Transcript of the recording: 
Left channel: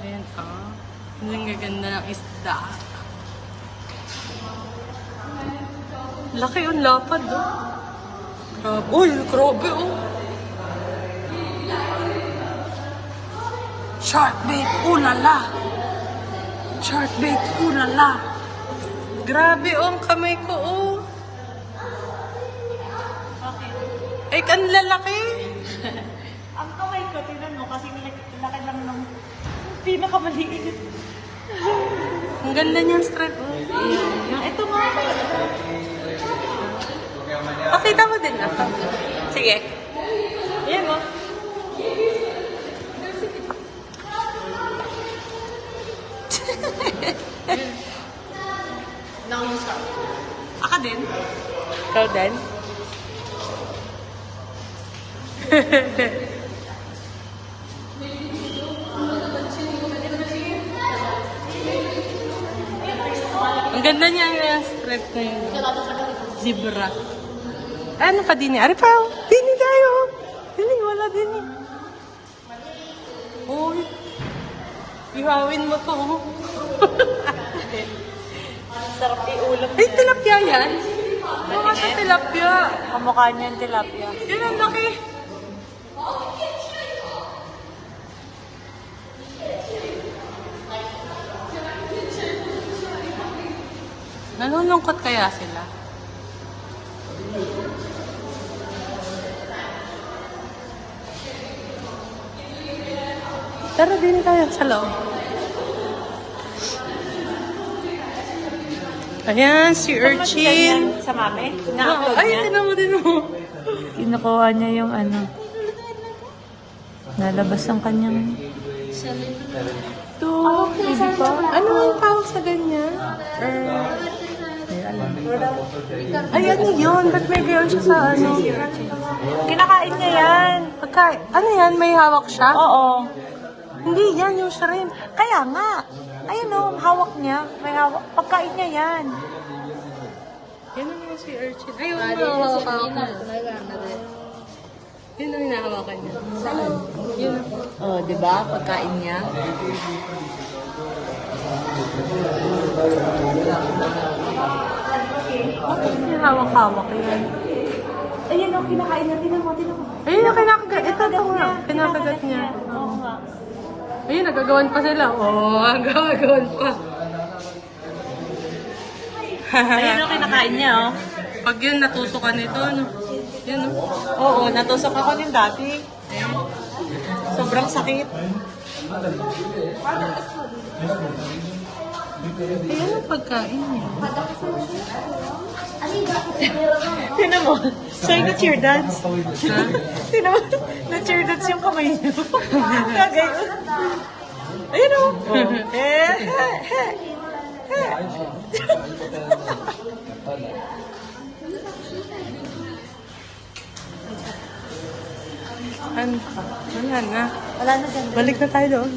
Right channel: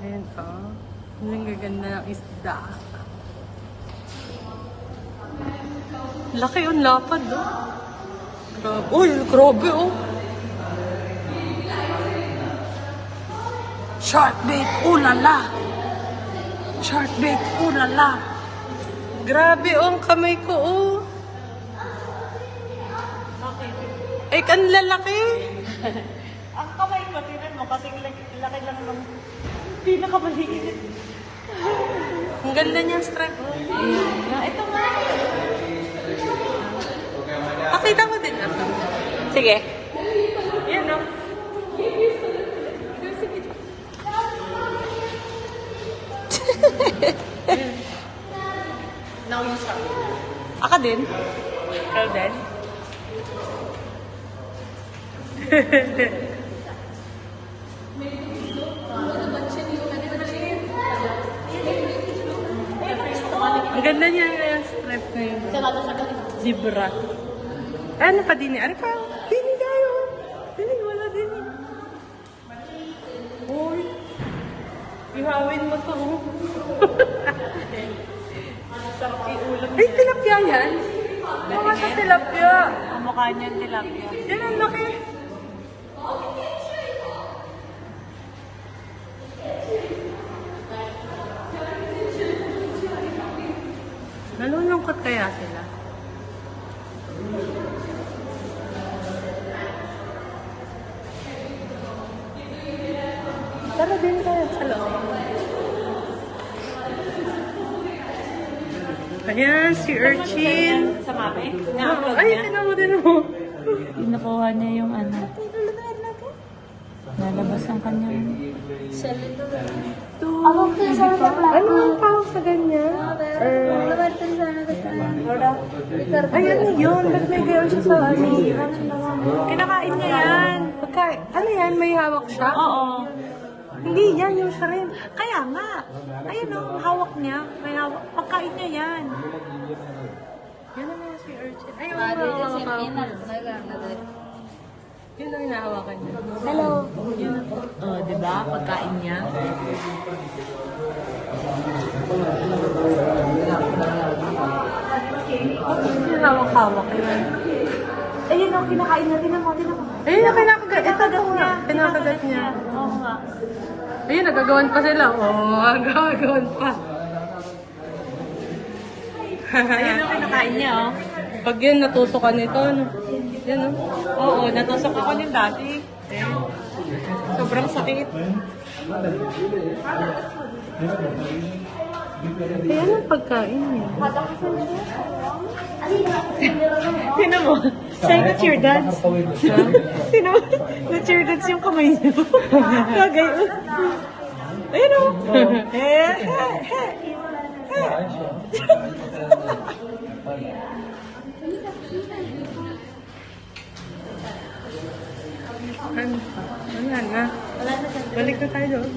Ayan o. Ang gaganda ng isda. Laki yung lapad o. Grabe. Uy, grabe o. Shark bait, ulala. Shark bait, ulala. Grabe o, ang kamay ko o. Ay, kan lalaki. Ang kamay ko, tingnan mo, kasi laki lang ng pinakamaliit. Ang ganda niyan, strap. Ito nga. Pakita mo din. Sige. Yan o. Now you start. Aka din. Ikaw din. Ang ganda niya yung strip na zebra. Ano pa din niya? Ari pa, dini kayo. Dini, wala dini. Uy, ihawin mo to. Sarap iulam Ay, tilapia yan. Mga sa tilapia. Kamukha niya ang tilapia. Yan ang laki. Nalulungkot kaya sila? Pero din tayo sa loob. Ayan, si Urchin. Sa mami? Oo, ay, tinan mo din mo. Kinukuha niya yung ano. Nalabas ang kanyang... Ano ang tawag sa ganyan? Ay, ano yun? Ba't may gayon siya sa ano? Kinakain niya yan. Pagkain. Ano yan? May hawak siya? Oo. Hindi, yan yung shrimp. Kaya nga. Ayun o, hawak niya. May hawak. Pagkain niya yan. Yan ang mga si Urchin. Ay, yung hawak-hawak niya. Yun ang hinahawakan niya. Hello. Yun ang Oh, di ba? Pagkain niya. bakit hinahawak-hawak yan? Ayun o, kinakain niya. Tinan mo, tinan mo. Ayun yung kinakagat. Ito nga. Kinakagat niya. Oo nga. Ayun, nagagawan pa sila. Oo, nagagawan pa. Ayun o, kinakain niya o. Pag yun, natusukan nito, ano? Yan, oh. Oo, natusok ako ng dati. Eh, sobrang sakit. Kaya anong pagkain niya? Tinan mo, siya yung cheer dance. Ha? Tinan mo, na-cheer dance yung kamay niyo. Kagay. Ayun o. Ano pa? Wala na. Wala na dyan. Balik na tayo doon.